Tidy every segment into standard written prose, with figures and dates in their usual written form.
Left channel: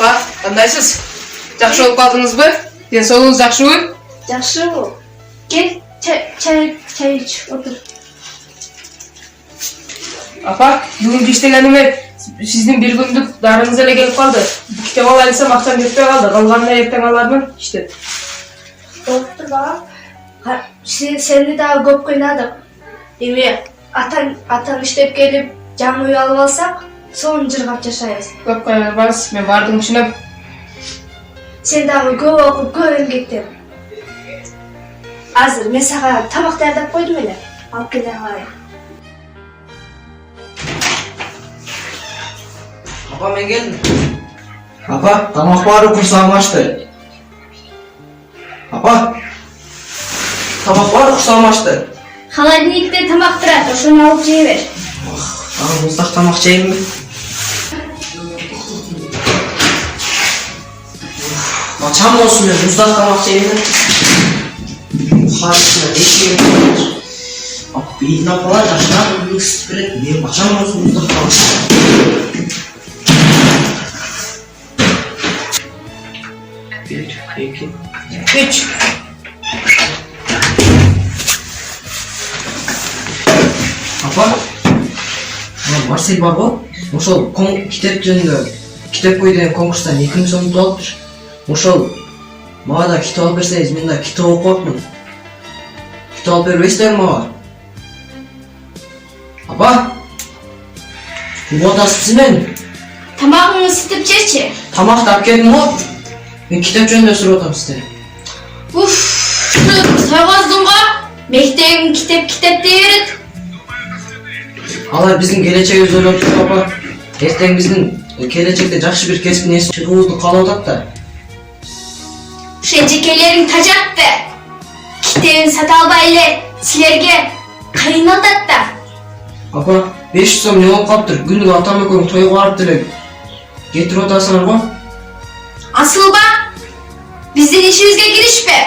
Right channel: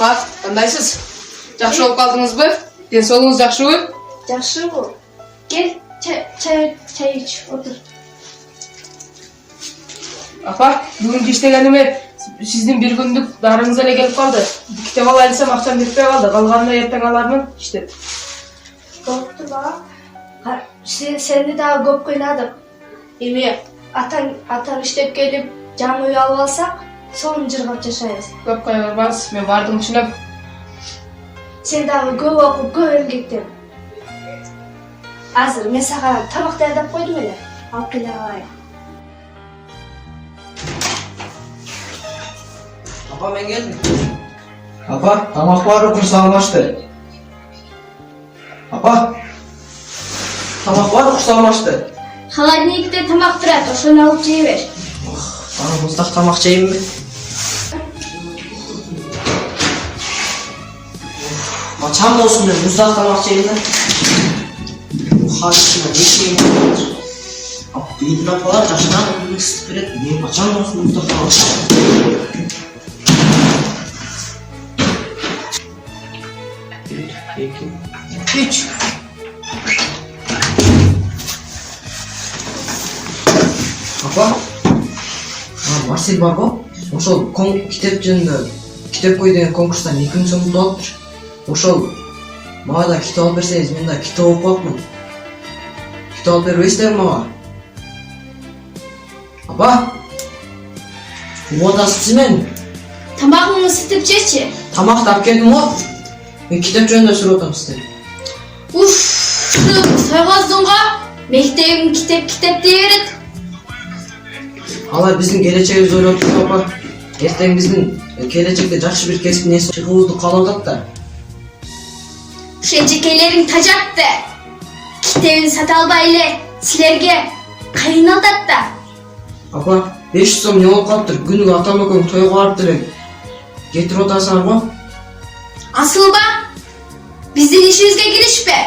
Апа, кандайсыз? Жакшы болуп калдыңызбы? Ден соолугуңуз жакшыбы? Жакшы. Кел, чай іч, отур. Апа, бүгүнкү иштегениме сиздин бир күндүк дарыңыз эле келип калды. Бу китеп алайын десем акчам жетпей калды. Калганына эртең алармын иштеп. Болуптур балам. Сени дагы көп кыйнадык. Эми атаң иштеп келип, жам үй алып алсак, сонун жыргап жашайбыз. Көп кыйнабаңыз, мен баардыгын түшүнөм. Сен дагы көп окуп, көп эмгектен. Азыр мен сага тамак даярдап койдум эле. Алып келе алайын. Апа, мен келдим. Апа, тамак бары курсагым ачты. Апа, тамак бары курсагым ачты. Холодильникте тамак турат, ошону алып жей бер. Аны муздак тамак жейинби? Чам болсун, мен муздак тамак жейинби? Харысына ешкем. Апа, бейдин апалар жашынан ысытып берет. Мен качан болсун муздак тамак жейин? 1, 2, 3. Апа, Марсель бар го? Ошол китеп жөнүндө китеп кой деген конкурстан 2 сом утуп алыптыр. Ошол мага да китеп алып берсеңиз, мен да китеп окупакмын. Китеп алып бербейсиздерби мага? Апа, угуп атасызбы мени? Тамагыңды ысытып жечи. Тамак тап келдим го. Мен китеп жөнүндө сурап атам сизден. Сойгоздуң го? Мектебиң китеп дей берет. Алар биздин келечегибизди ойлоп туруп апа. Эртең биздин келечекте жакшы бир кесиптин ээси чыгуубузду каалап атат да. Ушул жекелериң тажатты. Китебин сата албай эле силерге кыйналат да. Апа, 500 сом не болуп калыптыр? Күнүгө атам экөөң тойго барып деле кетирип атасыңар го. Асылба, биздин ишибизге киришпе.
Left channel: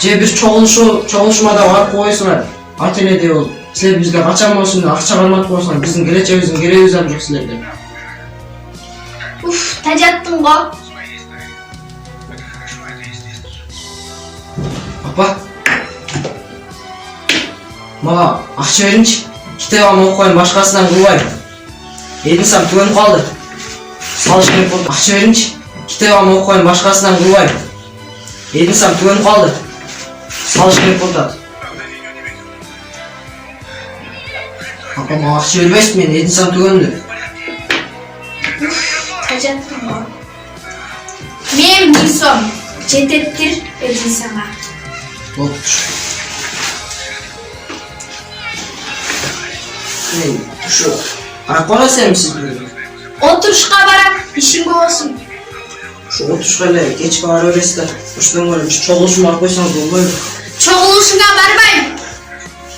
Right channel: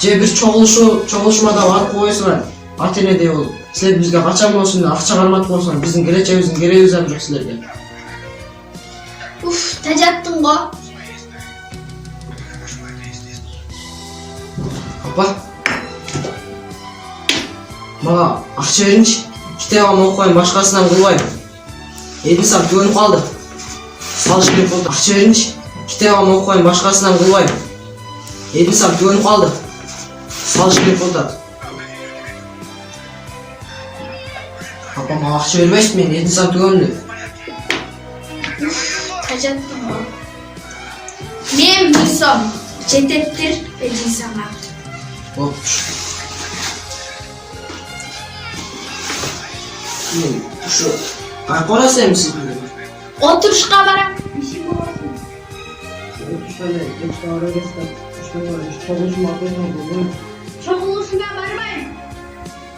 Же бир чогулушмада барып койсуңар. Ат эне деп болуп. Силер бизге качан болсун акча карматып койсуңар, биздин келечегибиздин кереги жок силерге. Тажаттың го. Апа, мага акча бериңчи. Китебин окуп коеюн, башкасынан кылбайм. 7 саат төгөнүп калды. Салыш керек болду. Акча бериңчи. Китебин окуп коеюн, башкасынан кылбайм. 7 саат төгөнүп калды. Салыш керек болду. Апа, мага акча бербейсиз, мен 7 саат төгөндү. Тажаттың го. Мен 1 сом жетептир бердим сага. Болуптур. Мен ушу карап барасызбы? Отурушка барам, ишиң болсун. Ушу отурушка эле кечке бара бересиз да. Ушундан көрө чогулушума алып койсоңуз болбойбу? Чогулушуңа барбайм.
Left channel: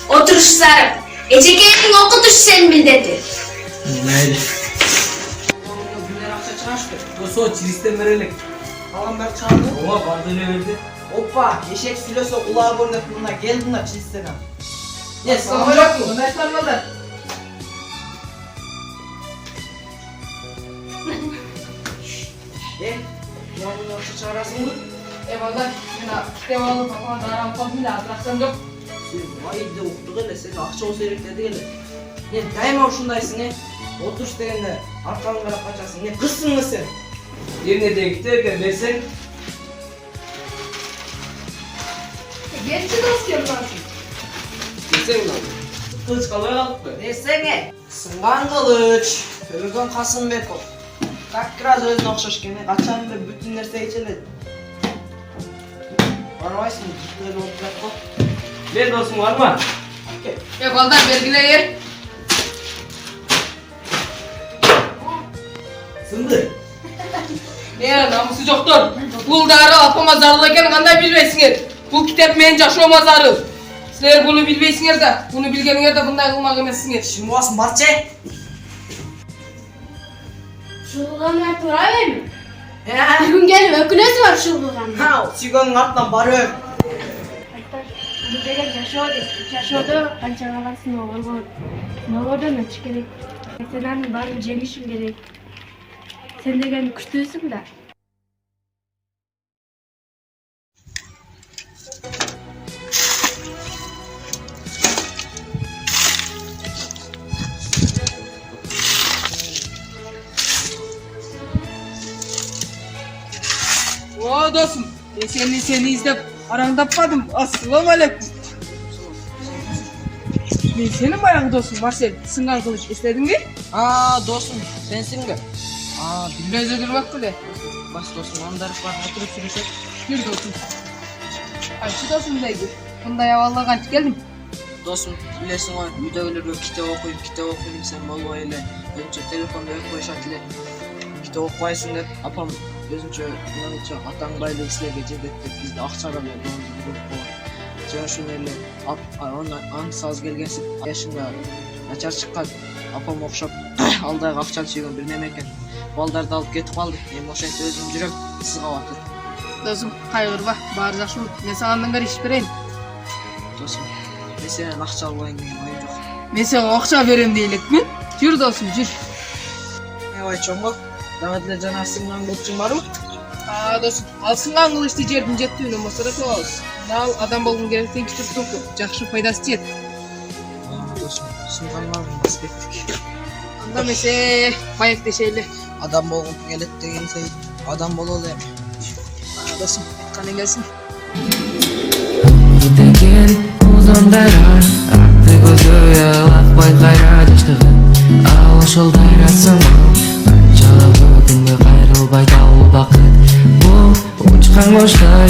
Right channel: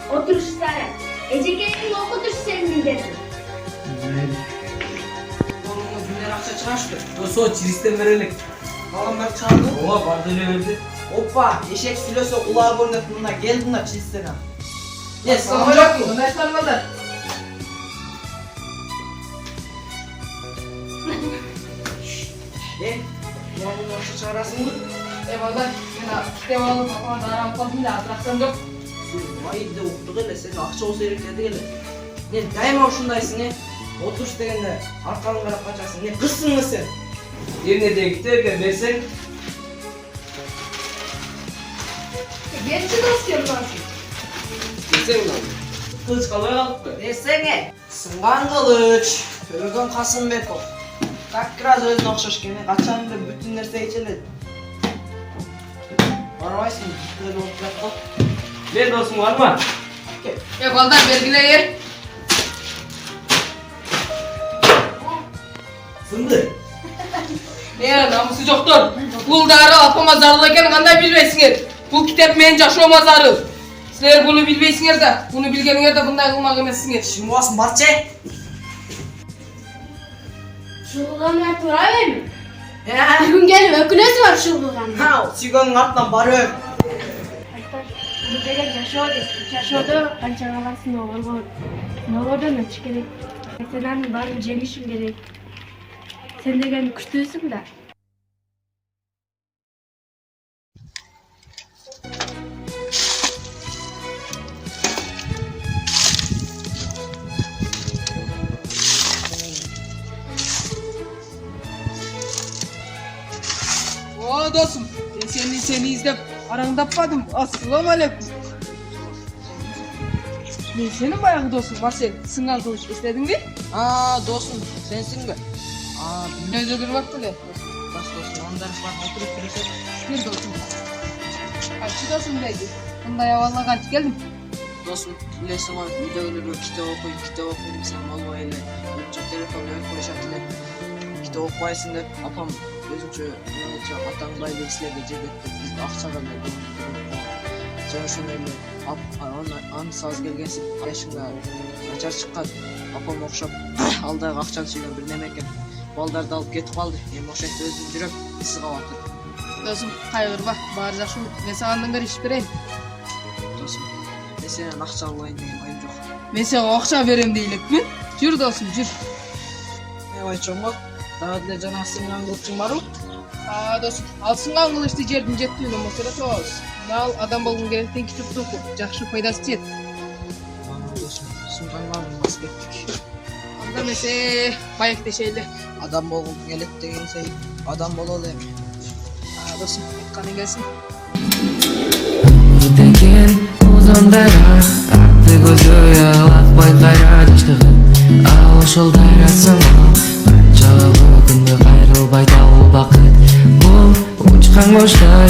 Отуруш зарым. Эжекеңдин окутуш сени билдети. Мейли. Колуңда бүлөр акча чыгашты. Со чиристен берелик. Калган баары чыгарды? Ооба, барды эле берди. Опа, eşek sülösü kulağa görünüp buna gel buna çizsene. Ne, sen oynat mı? Oynatlar mı da? Bunu nasıl çağırarsın mı? Eyvallah, ben kitap alıp kafama daram kaldım da hatırlatsam yok. Vay de okuduk hele, sen akça olsa erekledi hele. Ne, daima şundaysın ne? Oturuş degende arkanı karap kaçarsın, ne kızsın mı sen? Yerine de giderken versen. Genççi dost yapmarsın. Desene lan. Kılıç kalaya kalktı. Desene. Sıngan kılıç, Örgün Kasımbekov. Kakkiraz özüne okşaş gene, kaçan bile bütün nerse içeledi. Varmaysın, böyle oturak bak. Ver dostum var mı? Gel. Eyvallah vergile yer. Sındı. Namusu joktur. Bul dары apama zarыл экен кандай билбейсиңер. Бул китеп менин жашоомо зарыл. Силер буну билбейсиңер да, буну билгениңер да мындай кылмак эмессиңер. Şimdi basın Barçay. Шулгана тура берми? Bir gün gelip ökülesi var şulgana. Ha, Sigo'nun артынан барып. Bu gerek yaşadı, kança kalasın oğul. Ne oldu mu? Gerek. Senin bari jemişim gerek. Sen деген күчтүүсүң да. О, досым, мен сени издеп араңдаппадым. Ассалаумалейкум. Мен сенин баягы досуң Марсель, сыңган кылыч издедиң бе? Досым, сенсиң бе? Өзү турмак беле. Бас досым, андар бар, атырып келишет. Бир досум. Кайчы досум дейди? Мындай абалга кантип келдим? Досым, билесиң го, үйдөгүлөргө китеп окуйм десем болбой эле. Өзүнчө телефонду өйүп коюшат эле. Китеп окубайсың деп, апам өзүнчө атаң байлык силерге жетет деп бизди акчага жана ошондой эле аныс аз келгенсип жашыңда начар чыккан апам окшоп ал дагы акчаны сүйгөн бир неме экен. Балдарды алып кетип калды. Эми ошентип өзүм жүрөм, сызгап атат. Досум, кайгырба, баары жакшы. Мен сага андан иш берейин. Досум, мен сенен акча албайын деген оюм жок. Мен сага акча берем dey элекмин. Жүр досум, жүр. Айчом го, дагы деле жана сынган кылычың барбы? Досум, ал сынган кылычты жердин жеттүүнөн болсо да алабыз. Ал адам болгон керек тең китеп току, жакшы пайдасы тиет. Досум, сынган аспектик. Анда эмесе, маектешели. Адам болгон келет деген сей, адам бололу эми. Досум, кане келсин. Деген узондара акты көзү ялакпай кайра жаштыгын ал ошол дайрасымал канчалык күнгө кайрылбай дал убакыт бул учкан коштой